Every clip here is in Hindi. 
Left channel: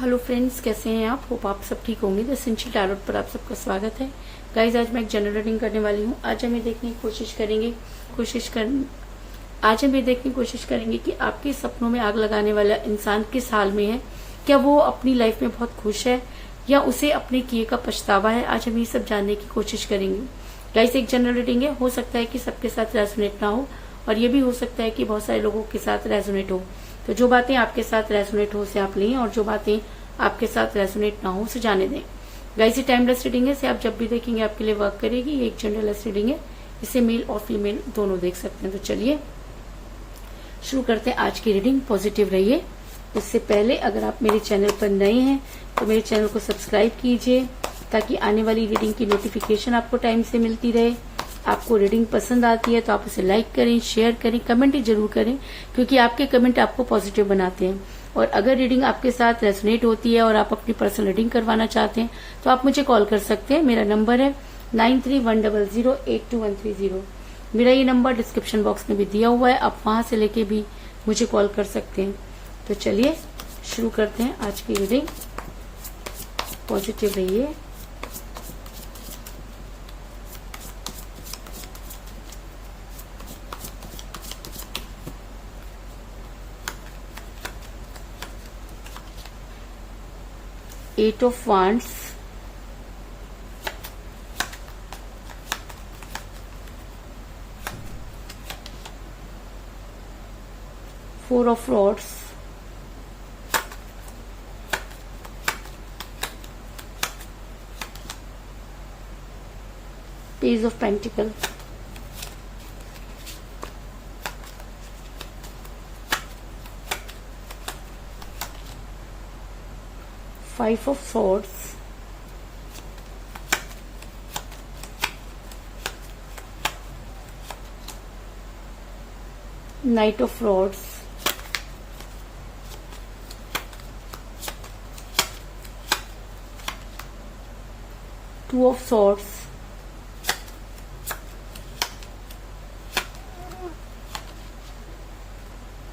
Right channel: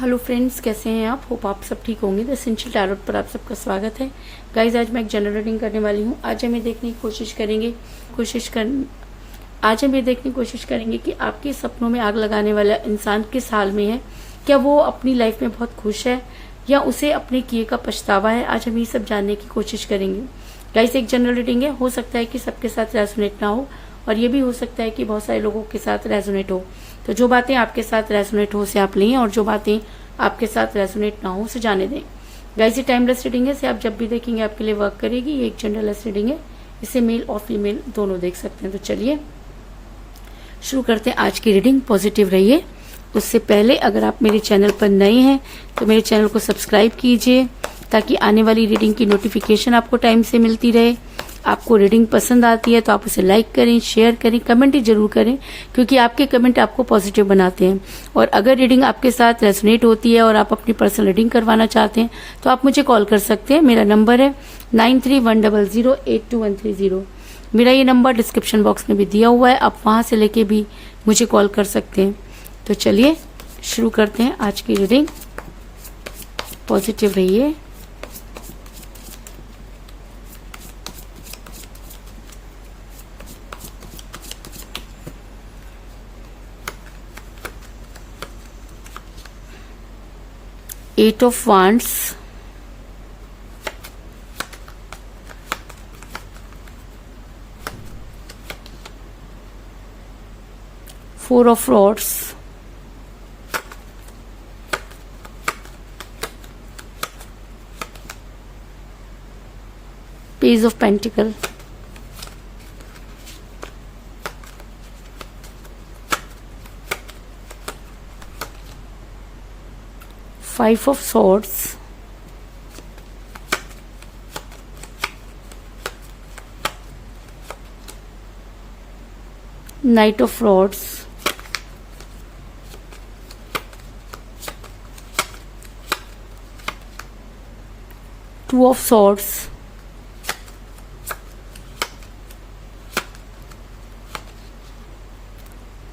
हेलो फ्रेंड्स, कैसे हैं आप? होप आप सब ठीक होंगे। द एसेंशियल टैरोट पर आप सबका स्वागत है। गाइज, आज मैं एक जनरल रीडिंग करने वाली हूँ। आज हम ये देखने की कोशिश करेंगे कि आपके सपनों में आग लगाने वाला इंसान किस हाल में है। क्या वो अपनी लाइफ में बहुत खुश है या उसे अपने किए का पछतावा है? आज हम ये सब जानने की कोशिश करेंगे। गाइज, एक जनरल रीडिंग है, हो सकता है कि सबके साथ रेजोनेट ना हो और ये भी हो सकता है कि बहुत सारे लोगों के साथ रेजोनेट हो। तो जो बातें आपके साथ रेजोनेट हो उसे आप लें और जो बातें आपके साथ रेजोनेट ना हो उसे जाने दें। गाइस, ये टाइमलेस रीडिंग है, इसे आप जब भी देखेंगे आपके लिए वर्क करेगी। ये एक जनरलेस रीडिंग है, इसे मेल और फीमेल दोनों देख सकते हैं। तो चलिए शुरू करते हैं आज की रीडिंग। पॉजिटिव रहिए। उससे पहले अगर आप मेरे चैनल पर नए हैं तो मेरे चैनल को सब्सक्राइब कीजिए ताकि आने वाली रीडिंग की नोटिफिकेशन आपको टाइम से मिलती रहे। आपको रीडिंग पसंद आती है तो आप उसे लाइक करें, शेयर करें, कमेंट जरूर करें, क्योंकि आपके कमेंट आपको पॉजिटिव बनाते हैं। और अगर रीडिंग आपके साथ रेजोनेट होती है और आप अपनी पर्सनल रीडिंग करवाना चाहते हैं तो आप मुझे कॉल कर सकते हैं। मेरा नंबर है 9310082130। मेरा ये नंबर डिस्क्रिप्शन बॉक्स में भी दिया हुआ है, आप वहां से लेके भी मुझे कॉल कर सकते हैं। तो चलिए शुरू करते हैं आज की रीडिंग। पॉजिटिव रहिए। Eight of Wands, Four of Rods, Page of Pentacles, Five of Swords, Knight of Rods, Two of Swords,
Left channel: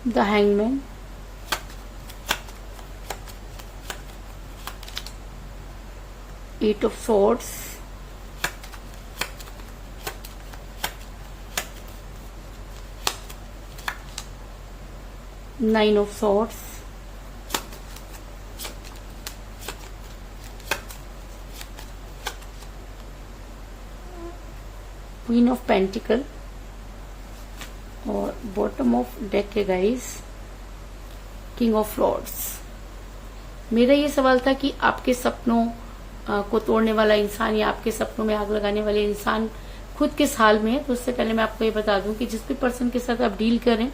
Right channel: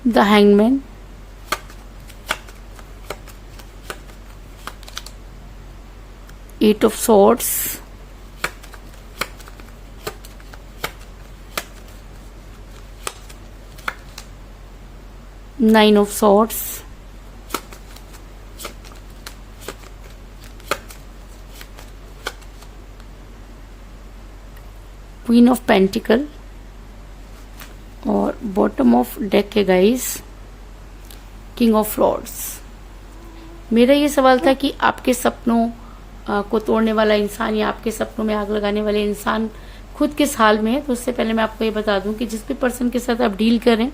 the Hangman, Eight of Swords, Nine of Swords, Queen of Pentacles और बॉटम ऑफ डेक है गाइस किंग ऑफ रॉड्स। मेरा ये सवाल था कि आपके सपनों को तोड़ने वाला इंसान या आपके सपनों में आग लगाने वाले इंसान खुद किस हाल में है। तो उससे पहले मैं आपको ये बता दूं कि जिस भी पर्सन के साथ आप डील करें,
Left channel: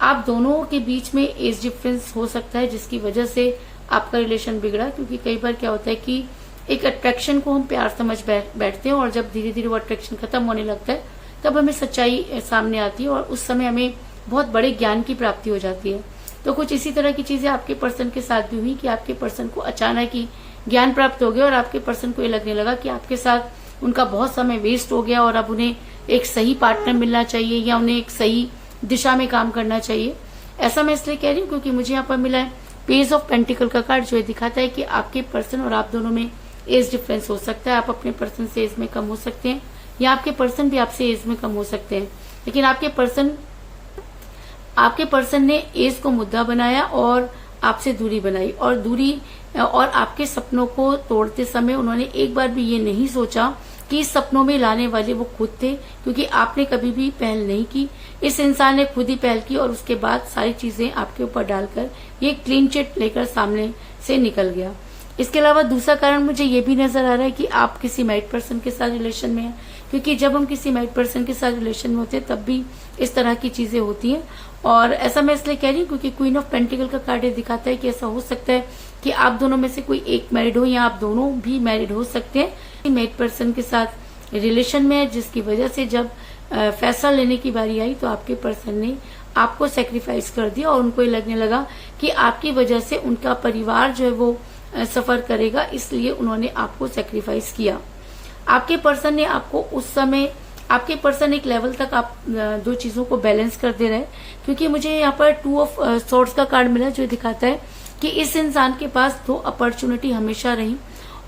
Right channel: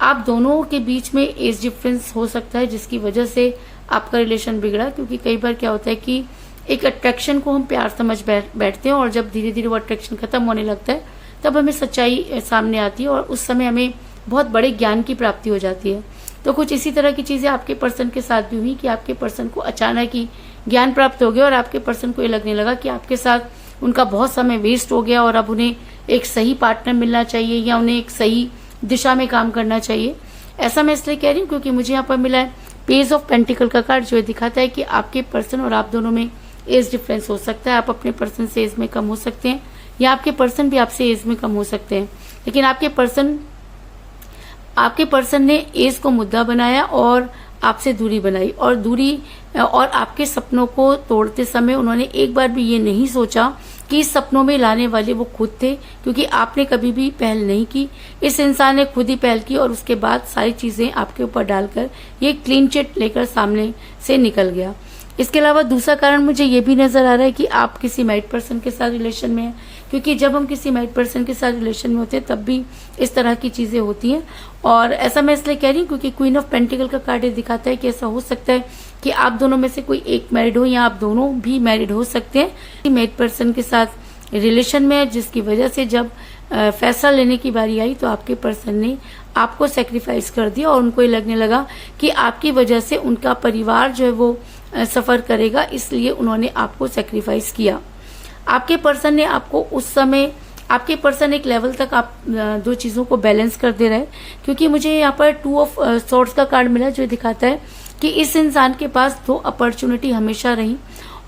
आप दोनों के बीच में एज डिफरेंस हो सकता है जिसकी वजह से आपका रिलेशन बिगड़ा। क्योंकि कई बार क्या होता है कि एक अट्रैक्शन को हम प्यार समझ बैठते हैं और जब धीरे धीरे वो अट्रैक्शन खत्म होने लगता है तब हमें सच्चाई सामने आती है और उस समय हमें बहुत बड़े ज्ञान की प्राप्ति हो जाती है। तो कुछ इसी तरह की चीजें आपके पर्सन के साथ भी हुई कि आपके पर्सन को अचानक ही ज्ञान प्राप्त हो गया और आपके पर्सन को ये लगने लगा कि आपके साथ उनका बहुत समय वेस्ट हो गया और अब उन्हें एक सही पार्टनर मिलना चाहिए या उन्हें एक सही दिशा में काम करना चाहिए। ऐसा मैं इसलिए कह रही हूँ क्योंकि मुझे यहाँ पर मिला है पेज ऑफ पेंटिकल का कार्ड, जो दिखाता है कि आपके पर्सन और आप दोनों में एज डिफरेंस हो सकता है। आप अपने पर्सन से एज में कम हो सकते हैं या आपके पर्सन भी आपसे एज में कम हो सकते हैं, लेकिन आपके पर्सन ने एज को मुद्दा बनाया और आपसे दूरी बनाई और आपके सपनों को तोड़ते समय उन्होंने एक बार भी ये नहीं सोचा कि इस सपनों में लाने वाले वो खुद थे, क्योंकि आपने कभी भी पहल नहीं की। इस इंसान ने खुद ही पहल की और उसके बाद सारी चीजें आपके ऊपर डालकर ये क्लीन चिट लेकर सामने से निकल गया। इसके अलावा दूसरा कारण मुझे ये भी नजर आ रहा है कि आप किसी मैरिड पर्सन के साथ रिलेशन में हैं, क्योंकि जब हम किसी मैरिड पर्सन के साथ रिलेशन में होते हैं तब भी इस तरह की चीजें होती हैं। और ऐसा मैं इसलिए कह रही हूँ क्योंकि क्वीन ऑफ पेंटिकल का कार्ड दिखाता है कि ऐसा हो सकता है कि आप दोनों में से कोई एक मैरिड हो या आप दोनों भी मैरिड हो सकते हैं। मैरिड पर्सन के साथ रिलेशन में है जिसकी वजह से जब फैसला लेने की बारी आई तो आपके पर्सन ने आपको सेक्रीफाइस कर दिया और उनको ये लगने लगा कि आपकी वजह से उनका परिवार जो है वो सफर करेगा, इसलिए उन्होंने आपको सेक्रीफाइस किया। आपके पर्सन ने आपको उस समय आपके पर्सन एक लेवल तक आप दो चीजों को बैलेंस कर दे रहे हैं, क्योंकि मुझे यहाँ पर 2 ऑफ सॉर्ड्स का कार्ड मिला जो दिखाता है कि इस इंसान के पास 2 अपॉर्चुनिटी हमेशा रही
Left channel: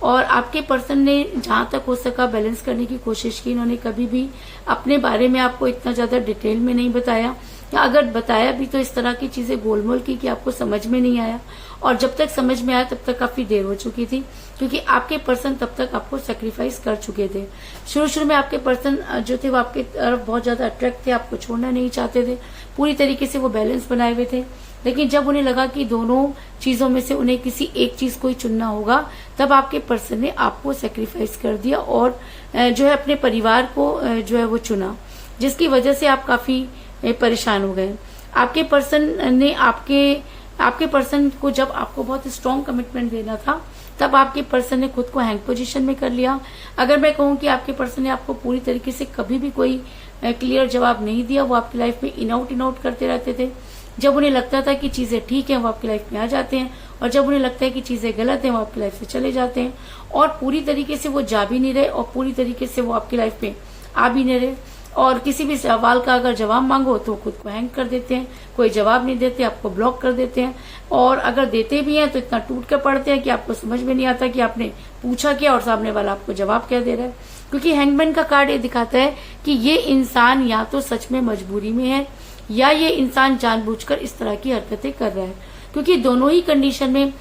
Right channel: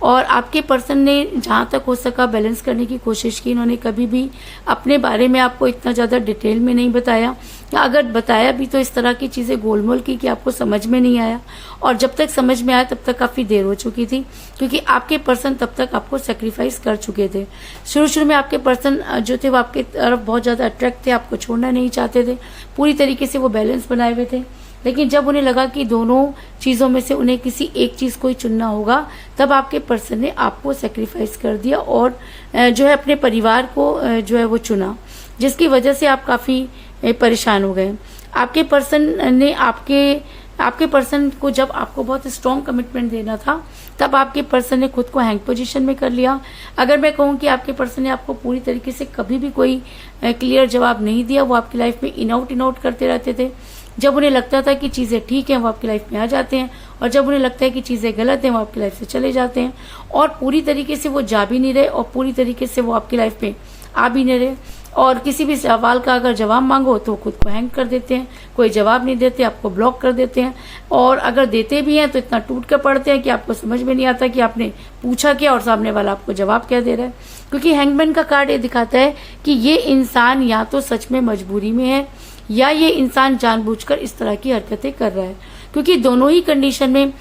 और आपके पर्सन ने जहां तक हो सका बैलेंस करने की कोशिश की। इन्होंने कभी भी अपने बारे में आपको इतना ज्यादा डिटेल में नहीं बताया, या अगर बताया भी तो इस तरह की चीजें गोलमोल की कि आपको समझ में नहीं आया, और जब तक समझ में आया तब तक काफी देर हो चुकी थी, क्योंकि आपके पर्सन तब तक आपको सेक्रीफाइस कर चुके थे। शुरू में आपके पर्सन जो थे वो आपके तरफ बहुत ज्यादा अट्रैक्ट थे, आपको छोड़ना नहीं चाहते थे, पूरी तरीके से वो बैलेंस बनाए हुए थे। लेकिन जब उन्हें लगा कि दोनों चीजों में से उन्हें किसी एक चीज को ही चुनना होगा, तब आपके पर्सन ने आपको सेक्रीफाइस कर दिया और जो है अपने परिवार को जो है वो चुना, जिसकी वजह से आप काफी परेशान हो गए। आपके पर्सन ने आपके पर्सन को जब आपको बहुत स्ट्रांग कमिटमेंट देना था, तब आपके पर्सन ने खुद को हैंग पोजीशन में कर लिया। अगर मैं कहूं कि आपके पर्सन ने आपको पूरी तरीके से कभी भी कोई क्लियर जवाब नहीं दिया, वो आपकी लाइफ में इन आउट करते रहते थे। जब उन्हें लगता था कि चीजें ठीक हैं, वो आपकी लाइफ में आ जाते हैं, और जब उन्हें लगता है कि चीजें गलत हैं, वो आपकी लाइफ से चले जाते हैं। और पूरी तरीके से वो जा भी नहीं रहे और पूरी तरीके से वो आपकी लाइफ में आ भी नहीं रहे। और किसी भी सवाल का अगर जवाब मांगो तो खुद को हैंग कर देते हैं, कोई जवाब नहीं देते, आपको ब्लॉक कर देते हैं, और अगर देते भी हैं तो इतना टूट कर पड़ते हैं कि आपको समझ में नहीं आता कि आपने पूछा क्या और सामने वाला आपको जवाब क्या दे रहा है। क्योंकि हैंगमैन का कार्ड ये दिखाता है कि ये इंसान या तो सच में मजबूरी में है, या ये इंसान जानबूझकर इस तरह की हरकतें कर रहा है। क्योंकि दोनों ही कंडीशन में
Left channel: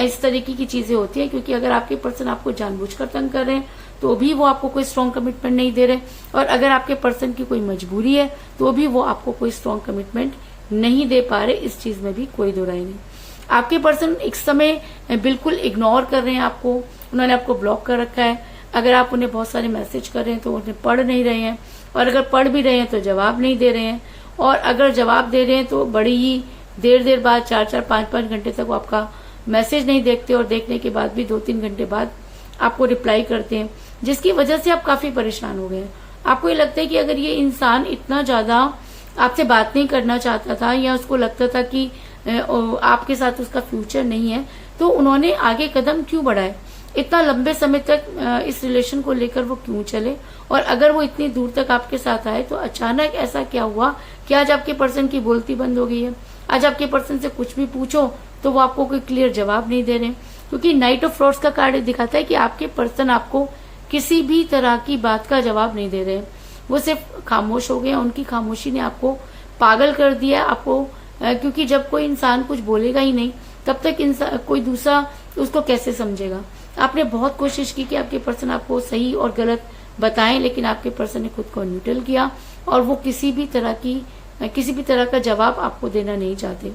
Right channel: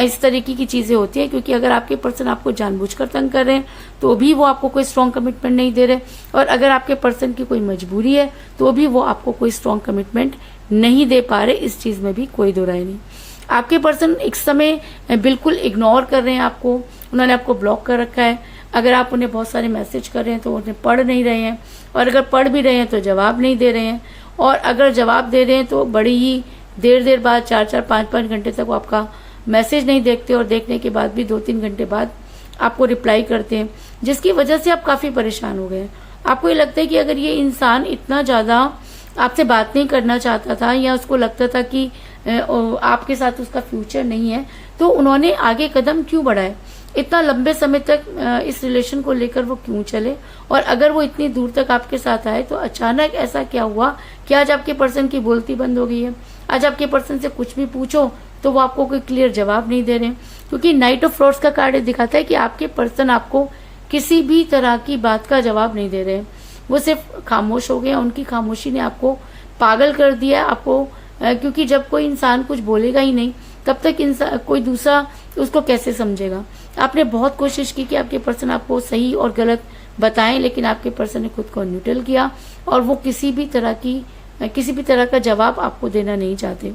इस तरीके की चीजें होती है। क्योंकि अगर आपके पर्सन आपको जानबूझकर तंग कर रहे हैं तो भी वो आपको कोई स्ट्रांग कमिटमेंट नहीं दे रहे, और अगर आपके पर्सन की कोई मजबूरी है तो भी वो आपको कोई स्ट्रांग कमिटमेंट नहीं दे पा रहे। इस चीज में भी कोई दो राय नहीं। आपके पर्सन एक समय बिल्कुल इग्नोर कर रहे हैं आपको, उन्होंने आपको ब्लॉक कर रखा है। अगर आप उन्हें बहुत सारे मैसेज कर रहे हैं तो उन्हें पढ़ नहीं रहे हैं, और अगर पढ़ भी रहे हैं तो जवाब नहीं दे रहे हैं, और अगर जवाब दे रहे हैं तो बड़ी ही देर बाद 4-4, 5-5 घंटे तक वो आपका मैसेज नहीं देखते, और देखने के बाद भी 2-3 घंटे बाद आपको रिप्लाई करते हैं, जिसकी वजह से आप काफी परेशान हो गए। आपको ये लगता है कि अगर ये इंसान इतना ज्यादा आपसे बात नहीं करना चाहता था, या उसको लगता था कि आपके साथ उसका फ्यूचर नहीं है, तो उन्होंने आगे कदम क्यों बढ़ाए, इतना लंबे समय तक इस रिलेशन को लेकर वो क्यों चले, और अगर वो इतनी दूर तक आपके साथ आए तो अचानक ऐसा क्या हुआ कि आज आपके पर्सन की बोलती बंद हो गई है। आज आपके पर्सन से कुछ भी पूछो तो वो आपको कोई क्लियर जवाब नहीं दे रहे। क्योंकि नाइट ऑफ फ्रॉड्स का कार्ड दिखाता है कि आपके पर्सन आपको किसी भी तरह की बात का जवाब नहीं दे रहे, वो सिर्फ खामोश हो गए। उनकी खामोशी ने आपको पागल कर दिया आपको, क्योंकि जब कोई इंसान कुछ बोलेगा ही नहीं तब तक इंसान कोई दूसरा उसको कैसे समझेगा। आपने बहुत कोशिश की कि आपके पर्सन आपको सही और गलत बताएं, लेकिन आपके पर्सन ने खुद को न्यूट्रल किया, और वो किसी भी तरह का जवाब आपको देना नहीं चाहते।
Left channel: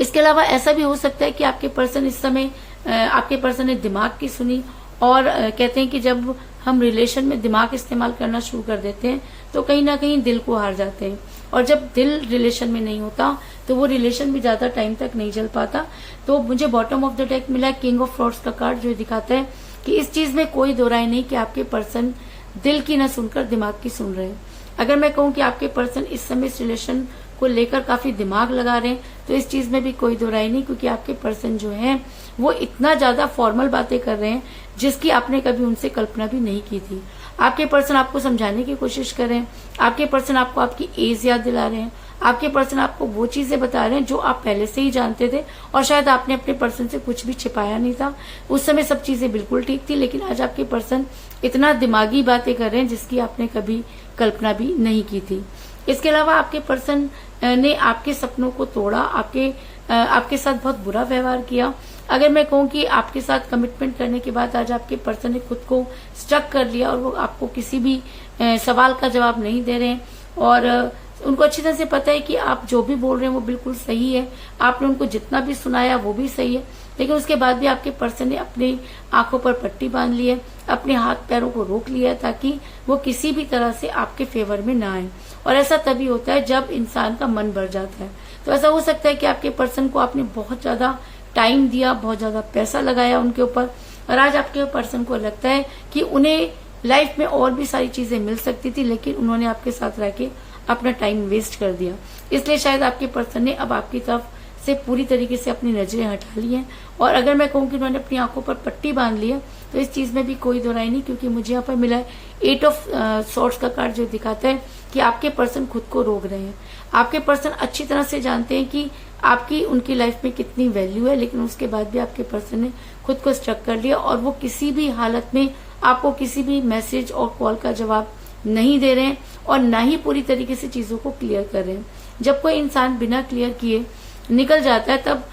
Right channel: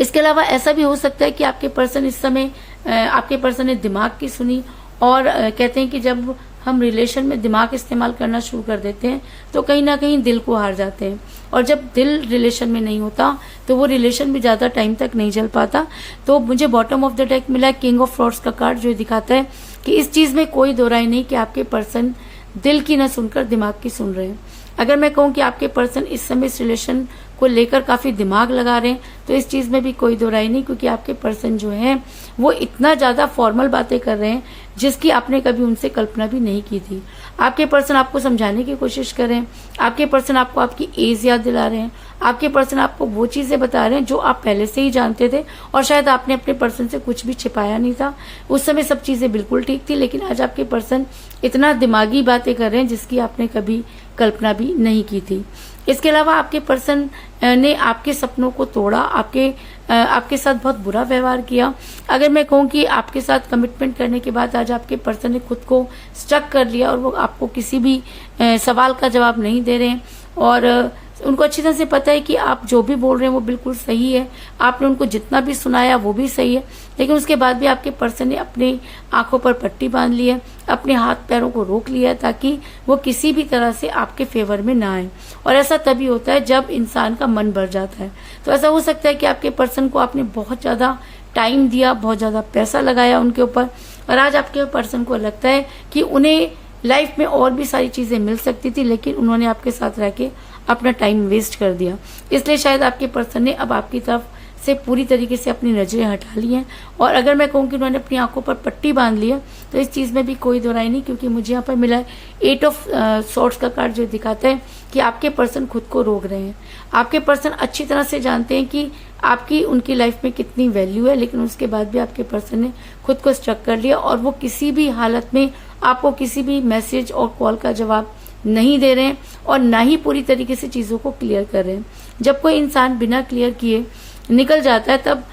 इसके अलावा ऐसा भी हो सकता है कि आपके पर्सन इस समय आपके पर्सन ने दिमाग की सुनी, और कहते हैं कि जब हम रिलेशन में दिमाग इस्तेमाल करना शुरू कर देते हैं तो कहीं ना कहीं दिल को हार जाते हैं, और जब दिल रिलेशन में नहीं होता तो वो रिलेशन भी ज्यादा टाइम तक नहीं चल पाता। तो मुझे बॉटम ऑफ द डेक मिला किंग ऑफ फ्रॉड्स का कार्ड, जो दिखाता है कि इस चीज में कोई दो राय नहीं कि आपके पर्सन दिल की न सुनकर दिमाग की सुन रहे हैं। अगर मैं कहूं कि आपके पर्सन इस समय इस रिलेशन को लेकर काफी दिमाग लगा रहे हैं तो इस चीज में भी कोई दो राय नहीं, क्योंकि आपके पर्सन जो है वो इतना ज्यादा फॉर्मल बातें कर रहे हैं जिसकी आपने कभी उनसे कल्पना भी नहीं की थी। आपके पर्सन आपको समझाने की कोशिश कर रहे हैं, आपके पर्सन आपको आपकी एज याद दिला रहे हैं, आपके पर्सन आपको वो चीजें बता रहे हैं जो आप पहले से ही जानते थे, और शायद आपने अपने पर्सन से कुछ भी छिपाया नहीं था। उस समय सब चीजें बिल्कुल ठीक थी, लेकिन आज आपके पर्सन इतना दिमागी बातें कर रहे हैं जिसकी आपने कभी कल्पना भी नहीं की थी। इसके अलावा आपके पर्सन ने आपके सपनों को तोड़ा, आपके साथ बहुत बुरा व्यवहार किया। अगर मैं कहूं कि आपके साथ कमिटमेंट करने के बाद आज आपके पर्सन ने खुद को स्टक कर लिया, और वो आपको किसी भी सवाल का जवाब नहीं दे रहे हैं, और उनको अच्छी तरह से पता है कि आप जो भी बोल रहे हैं वो बिल्कुल सही है, आपने उनको जितना भी सुनाया वो भी सही है, लेकिन उसके बाद भी आपके पर्सन ने अपनी आंखों पर पट्टी बांध ली है, अपने हाथ पैरों को रोक लिया है, ताकि वो किसी भी तरह से आपके फेवर में ना आए। और ऐसा तभी होता है जब इंसान का मन भर जाता है। तो ऐसा हो सकता है कि आपके पर्सन को आपने बहुत ज्यादा टाइम दिया, बहुत ज्यादा पैसा लगाया उनके ऊपर, और आज आपके पर्सन को लगता है कि उन्हें लाइफ में और भी सारी चीजें मिल सकती थी, लेकिन उन्होंने आपके साथ रह के अपना टाइम वेस्ट कर दिया। इसलिए शायद आपके पर्सन ने अब आपकी तरफ से पूरी तरीके से अपनी नजरें हटा ली हैं। और अगर मैं कहूँ कि उन्होंने अपनी आंखों पर पट्टी बांध ली है तो इस चीज में भी कोई दो राय नहीं, क्योंकि मुझे यहाँ पर मिला है 8 ऑफ सॉर्ड्स का कार्ड, जो दिखाता है कि आपके पर्सन खुद को रोक रहे हैं। आपके पर्सन अच्छी तरह से जानते हैं कि आपकी उनकी लाइफ में कितनी वैल्यू है, लेकिन उसके बाद भी आपके पर्सन ने खुद को स्ट्रक कर लिया और वो किसी भी हालत में आपको किसी भी मैसेज और कॉल का जवाब नहीं दे रहे हैं और ना ही पूरी तरीके से चीजों को क्लियर कर रहे हैं। जब कोई इंसान बिना क्लियर किए निकल जाता है तब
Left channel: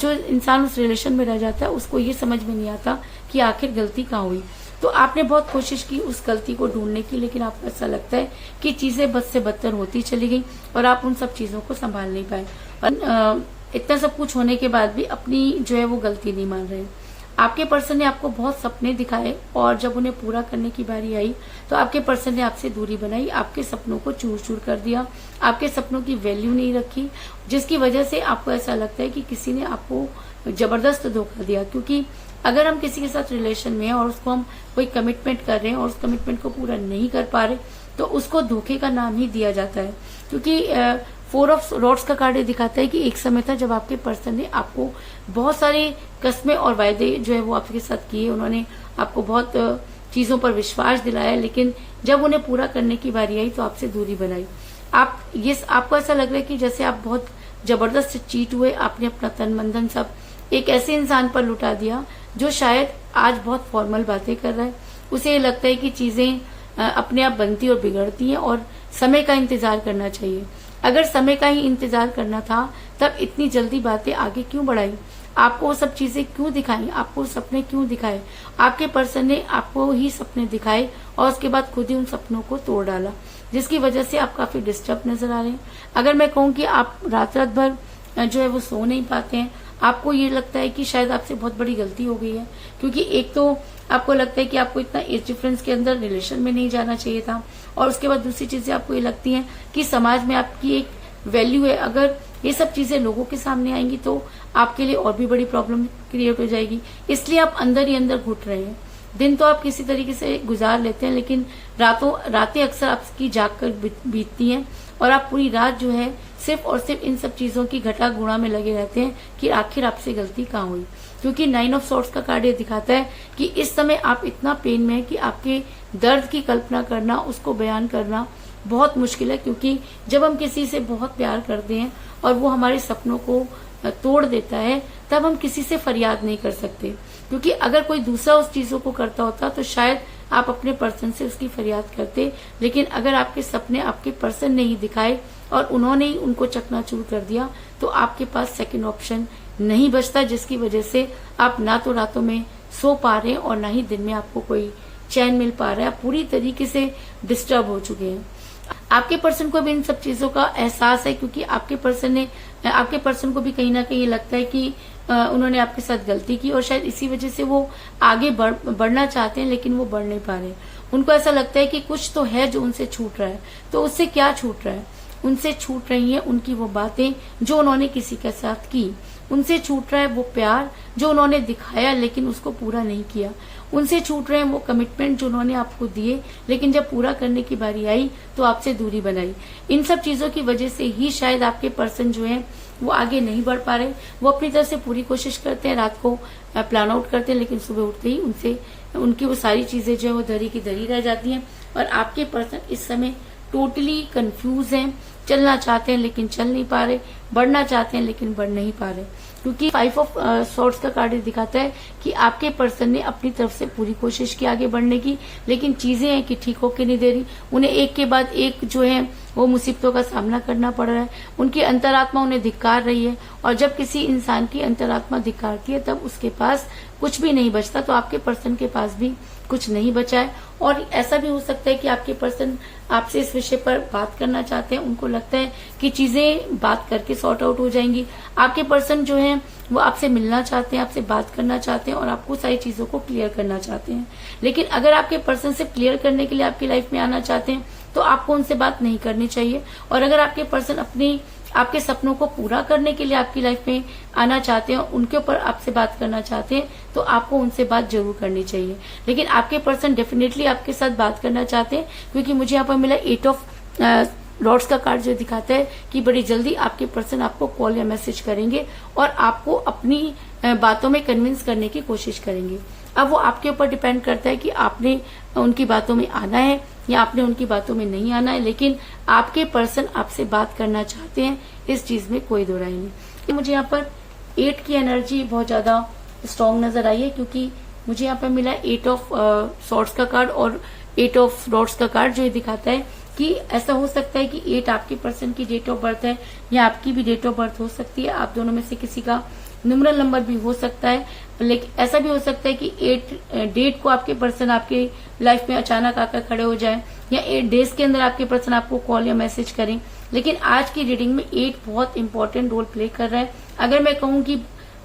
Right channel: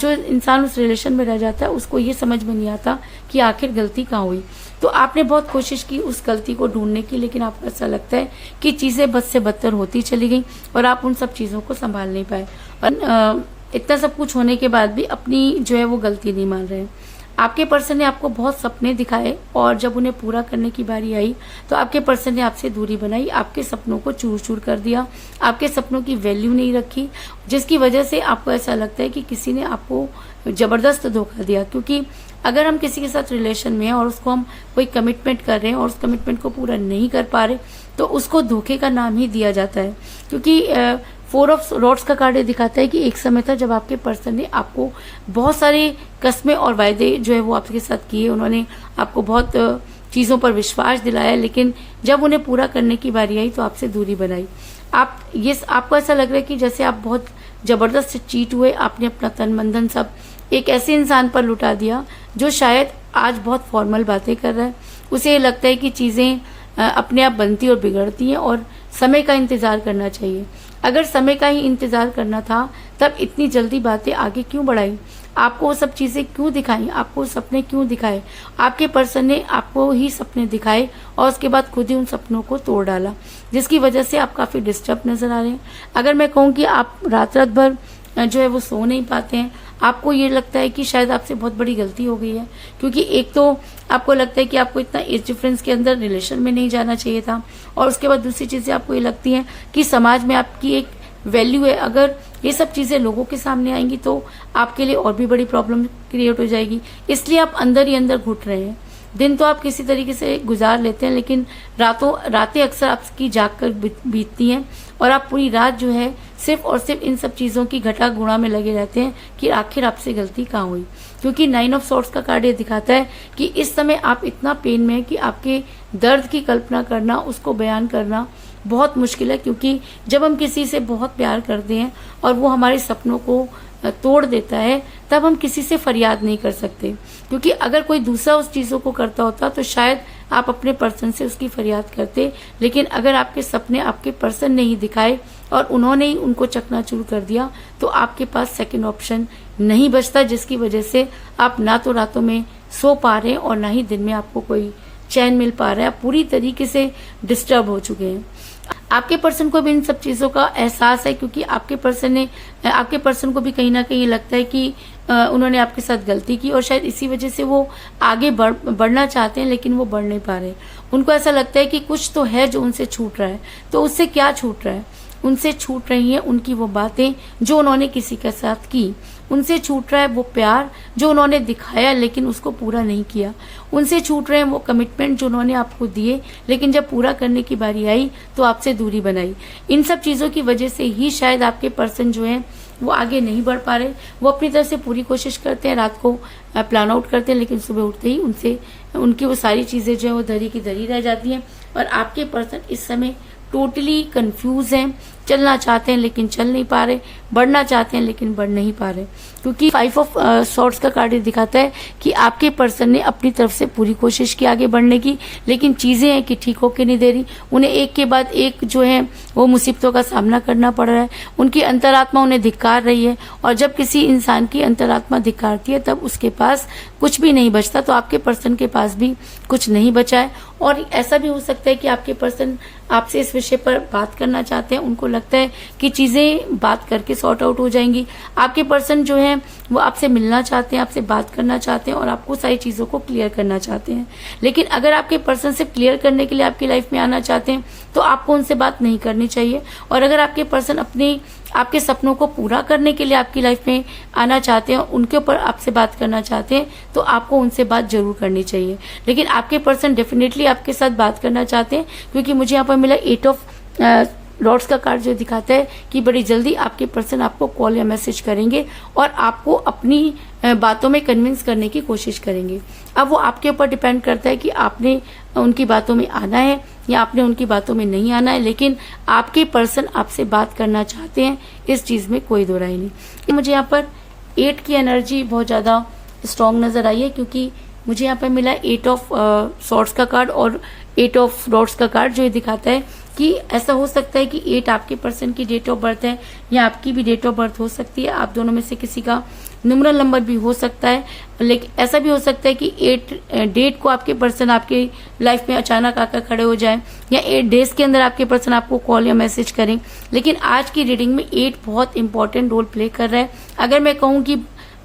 जो इंसान उस रिलेशन में रह जाता है उसको ये समझ में नहीं आता कि आखिर गलती कहाँ हुई। तो आपने बहुत कोशिश की उस गलती को ढूंढने की, लेकिन आपको ऐसा लगता है कि चीजें बद से बदतर होती चली गई और आप उन सब चीजों को संभाल नहीं पाए। और इतना सब कुछ होने के बाद भी अपनी जो है वो गलती नहीं मान रहे हैं। आपके पर्सन ने आपको बहुत सपने दिखाए और जब उन्हें पूरा करने की बारी आई तो आपके पर्सन ने आपसे दूरी बनाई, आपके सपनों को चूर चूर कर दिया, आपके सपनों की वैल्यू नहीं रखी, जिसकी वजह से आपको ऐसा लगता है कि किसी ने आपको जबरदस्त धोखा दिया। क्योंकि अगर हम किसी के साथ रिलेशन में हैं और उसको हम कोई कमिटमेंट कर रहे हैं और उस कमिटमेंट को पूरा नहीं कर पा रहे तो उसको धोखे का नाम ही दिया जाता है। क्योंकि 4 ऑफ रॉड्स का कार्ड दिखाता है कि एक समय था जब आपके पर्सन ने आपको बहुत सारे कस्में और वायदे जो है वो आपके साथ किए, उन्होंने आपको बहुत चीजों पर विश्वास दिलाया, लेकिन जब उन्हें पूरा करने की बारी आई तो आपसे दूरी बनाई। आपको ऐसा लग रहा है कि जैसे आप बहुत जबरदस्त चीट हुए, आपने अपना तन मन धन सब एक ऐसे इंसान पर लुटा दिया जो शायद आज बहुत फॉर्मल बातें कर रहा है। उसे लगता है कि चीजें अपने आप बनती और बिगड़ती हैं और समय का इंतजार करना चाहिए। अगर समय का ही इंतजार करना था तब इतनी जल्दी बातें आगे क्यों बढ़ाई, आपको वो सब चीजें क्यों दिखाई, आपको सपने क्यों दिखाए। आपके पर्सन ने आपको ही सपने दिखाए और उसके बाद खुद ही उन सपनों को तोड़ डाला, जिसकी वजह से आप काफी डिस्टर्ब नजर आ रहे हैं। अगर मैं कहूँ कि आप रात रात भर जो है वो सो नहीं पाते हैं, आपको ये लगता है कि शायद आपसे बहुत बड़ी गलती हो गई है। क्योंकि एक तो आपको लगता है कि आपको इतना एज डिफरेंस के अंदर रिलेशन में नहीं जाना चाहिए था, और उसके बाद दूसरी चीजें आपको ये लगती हैं कि समाज में आपकी एक वैल्यू है। अगर ये सब चीजें लोगों के सामने आएंगी तो आपके लिए और भी बड़ी प्रॉब्लम क्रिएट हो जाएगी, इसलिए आप अंदर ही अंदर घुट रहे हैं। दिन तो आप किसी तरीके से गुजार लेते हैं, लेकिन रातें अक्सर आपकी जाग कर बीतती हैं और आप पूरी रात जो है सिर्फ और सिर्फ इन सब चीजों की घटा गुणा में लगे रहते हैं कि आखिर आपसे गलती कहाँ हुई। क्योंकि 9 ऑफ सॉर्ड्स का कार्ड ये दिखाता है कि इस समय आप इतना पेन में है कि आपके दर्द की कल्पना करना, उसको बयान करना बहुत मुश्किल है। क्योंकि जब हम किसी से बहुत प्यार करते हैं और वो हमारे सपनों को तोड़ देता है तब हम किसी से फरियाद नहीं कर सकते। क्योंकि अगर कोई दूसरा उस चीजों को करता होता तो शायद आप अपने पर्सन से उसकी फरियाद करते, लेकिन अगर आपके सपने आपके पर्सन ने ही दिखाए और उन्होंने ही उनको चकनाचूर कर दिया तो आपके पास सेकंड ऑप्शन नहीं बचता, जिसकी वजह से आप ना तो रातों में सो पा रहे हैं और ना ही दिन में आपको कोई चैन मिल पा रहा है। आप पूरी तरीके से डिस्टर्ब हो चुके हैं। आपके पर्सन को भी इन सब चीजों का एहसास है, क्योंकि आपके पर्सन को भी कहीं ना कहीं लगता है कि उन्होंने आपके साथ गलती की और शायद इसी वजह से वो आगे बढ़ना चाहते हैं, लेकिन वो बढ़ नहीं पा रहे। उनको ऐसा लगता है कि कुछ तो है जो उनसे छूट रहा है। तो उससे क्या छूट रहा है? उनसे छूट रही है उनकी वो बातें जो उन्होंने किसी के साथ की, उनसे छूट रहा है वो प्यार जो उन्होंने दिखाया लेकिन उसको पूरा नहीं किया, उनसे छूट रहे हैं वो कमिटमेंट जो उन्होंने आपको दिए लेकिन जब पूरा करने की बारी आई तो आपसे दूरी बनाई। इन सब चीजों की वजह से ही शायद आपके पर्सन जो है वो आगे नहीं बढ़ पा रहे। वो अपनी तरफ से पूरी कोशिश करते हैं, रात को प्लान आउट करते हैं, लेकिन सुबह उठते ही उनकी वो सारी चीजें जो है वो धरी की धरी रह जाती हैं। और आपके पर्सन इस समय टोटली कंफ्यूज हैं, चलना चाहते हैं लेकिन चल नहीं पा रहे, बढ़ना चाहते हैं लेकिन बढ़ नहीं पा रहे। क्योंकि 5 ऑफ सॉर्ड्स का कार्ड दिखाता है कि आपके पर्सन ने अपनी तरफ से पूरी कोशिश की आगे बढ़ने की, लेकिन चीजें हैं कि ठीक होके नहीं दे रही। उन्हें एक के बाद एक जो है वो मुसीबतों का सामना करना पड़ रहा है। उनकी अंतरात्मा उन्हें धिक्कार रही है, और जब किसी इंसान की अंतरात्मा धिक्कारती है तब उसके पास कुछ भी नहीं बचता। तो आपके पर्सन के पास भी कुछ नहीं बचा है। और ऐसा भी हो सकता है कि आपके पर्सन आपसे इस विषय पर बात करना चाहते हैं, उनको लगता है कि चीजें बात करके सॉर्ट आउट हो जाएंगी। आपके पर्सन जो है वो आपसे मिलना चाहते हैं, आपसे बात करना चाहते हैं और आपको सारी चीजों को क्लियर करना चाहते हैं। लेकिन अगर आपके पर्सन से क्लियर करने के लिए आपकी लाइफ में आना चाहते हैं तो आपको उनसे बात नहीं करनी चाहिए। और अगर आपके पर्सन आपके सपनों को पूरा करने के लिए आपकी लाइफ में आना चाहते हैं, उनके ऊपर आपसे बात करना चाहते हैं, तो आपको उनसे बात जरूर करनी चाहिए। लेकिन आपके पर्सन डेफिनेटली आपके साथ बात करना चाहते हैं, क्योंकि मुझे यहाँ पर मिला 8 ऑफ रॉड्स का कार्ड जो दिखाता है कि बड़ी जल्दी आपके पर्सन आपको कॉल या मैसेज करेंगे और आपको अपनी बातों में कन्विंस करने की कोशिश करेंगे। अब वो आपके ऊपर डिपेंड करता है कि आपने उनकी बातों में आना है या आपने उनकी बातों में नहीं आना है, लेकिन आपके पर्सन आपसे बात करना चाहते हैं, इस चीज में कोई दो राय नहीं। मुझे यहाँ पर 8 की एनर्जी बहुत ज्यादा स्ट्रांग नजर आई है, क्योंकि मुझे यहाँ पे मिला 8 ऑफ सॉर्ड्स का कार्ड और 8 ऑफ रॉड्स का कार्ड, जो ये दिखाता है कि ऐसा हो सकता है कि 8 आपके पर्सन की डेट ऑफ बर्थ है या आपकी भी डेट ऑफ बर्थ हो सकती है। आप दोनों में से किसी का न्यूमरल नंबर भी हो सकता है, लेकिन ऐसा भी हो सकता है कि 8 डेट को आपके पर्सन आपके लाइफ में अचानक आकर खड़े हो जाए या 8 डेज के अंदर आपके पर्सन आपको कॉल या मैसेज करें। लेकिन आज की रीडिंग में 8 बहुत इंपॉर्टेंट रोल प्ले कर रहा है। अगर मैं कहूँ कि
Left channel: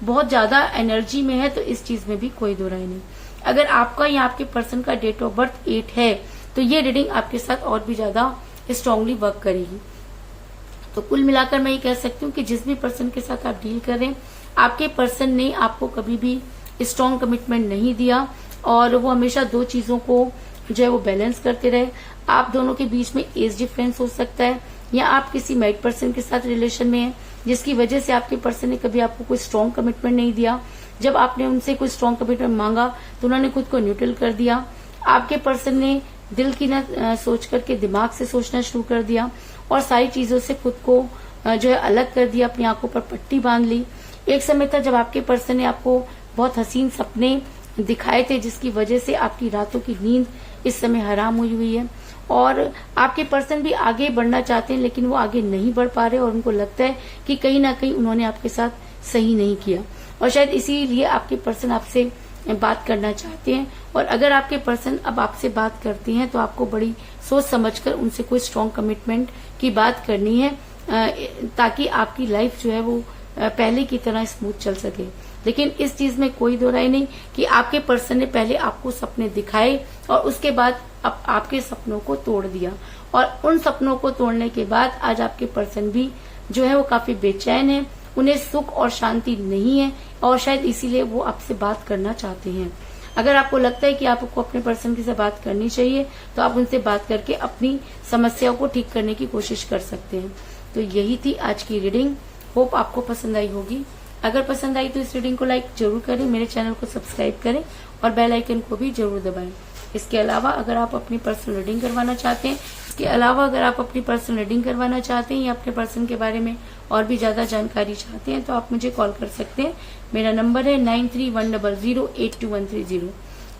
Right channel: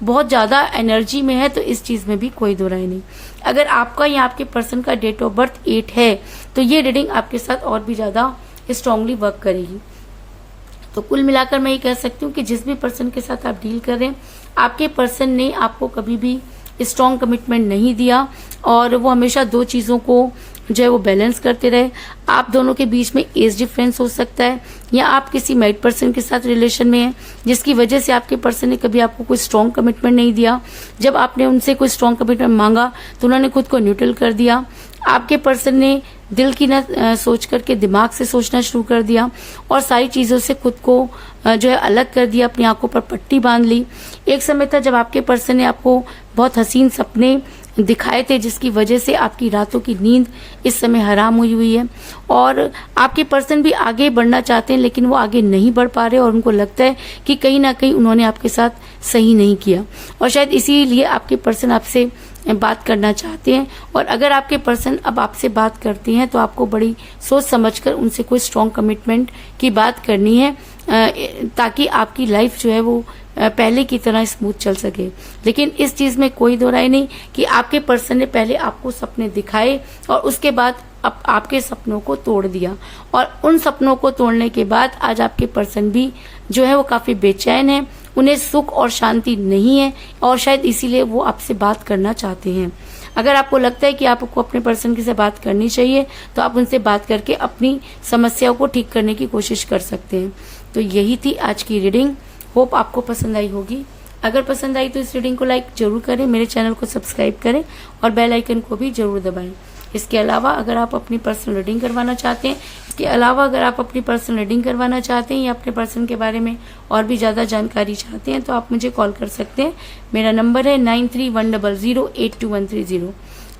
बहुत ज्यादा एनर्जी में है तो इस चीज में भी कोई दो राय नहीं। अगर आपका या आपके पर्सन का डेट ऑफ बर्थ 8 है तो ये रीडिंग आपके साथ और भी ज्यादा स्ट्रांगली वर्क करेगी। तो कुल मिलाकर मैं ये कह सकती हूँ कि जिस भी पर्सन के साथ आप डील कर रहे हैं, आपके पर्सन ने आपको कभी भी स्ट्रांग कमिटमेंट नहीं दिया और वो हमेशा दो चीजों को जो है वो बैलेंस करते रहे। आप दोनों के बीच में एज डिफरेंस हो सकता है या आप किसी मैरिड पर्सन के साथ रिलेशन में हैं, जिसकी वजह से आपके पर्सन ने कभी आपको कोई स्ट्रांग कमिटमेंट नहीं दिया। जब आपने उनसे कोई स्ट्रांग कमिटमेंट मांगा तो उन्होंने खुद को न्यूट्रल कर दिया। आपके पर्सन ने दिल की न सोच करके दिमाग से सोचना शुरू कर दिया और सारी चीजों से खुद को जो है अलग कर दिया, अपनी आंखों पर पट्टी बांध ली। एक समय था जब आपके पर्सन ने आपको बहुत हसीन सपने दिखाए थे, जिसकी वजह से आपकी रातों की नींद इस समय हराम हुई है और आपके पर्सन भी आगे बढ़ना चाहते हैं, लेकिन वो आगे नहीं बढ़ पा रहे और उनको लगता है कि कहीं ना कहीं उन्होंने आपके साथ सही नहीं किया और शायद इसीलिए आपके पर्सन आपसे बात करना चाहते हैं। और अगर आपके पर्सन अब आपसे बात करते हैं तो आपको बड़ी सोच समझकर उनसे कोई स्ट्रांग कमिटमेंट की बात करनी है, ताकि आपकी लाइफ जो है वो पहले की तरह स्मूथ चल सके। लेकिन इस चीज में कोई दो राय नहीं कि आपके पर्सन ने पहले आपको सपने दिखाए और उसके बाद आपके सपनों को तोड़ दिया और उन सपनों को तोड़ने के बाद आज आपके पर्सन भी जो है वो काफी बेचैन है, उन्हें सुख और शांति नहीं है और शायद इसीलिए वो आपसे बात करना चाहते हैं। अगर आपको लगता है कि आपको अपने पर्सन की से बात करनी चाहिए तो आप उनसे बात करके अपनी समस्याओं को ठीक करने की कोशिश कर सकते हैं। तो यही थी आज की रीडिंग। होप आपको पसंद आई होगी। अगर पसंद आई तो इस रीडिंग को लाइक जरूर करें, मेरे चैनल को सब्सक्राइब करें और बेल आइकन को भी जरूर दबाएं। इसके अलावा अगर आप अपनी पर्सनल रीडिंग करवाना चाहते हैं या अपने पर्सन के बारे में और भी ज्यादा जानकारी चाहते हैं तो आप मुझे कॉल कर सकते हैं। मेरा नंबर है 9310082130।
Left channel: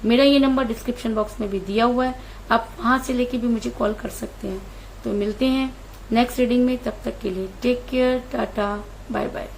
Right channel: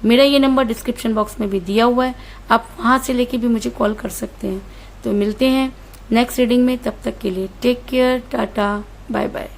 मेरा ये नंबर डिस्क्रिप्शन बॉक्स में भी दिया हुआ है, आप वहां से लेके भी मुझे कॉल कर सकते हैं। तो मिलते हैं नेक्स्ट रीडिंग में, तब तक के लिए take care, tata, bye bye.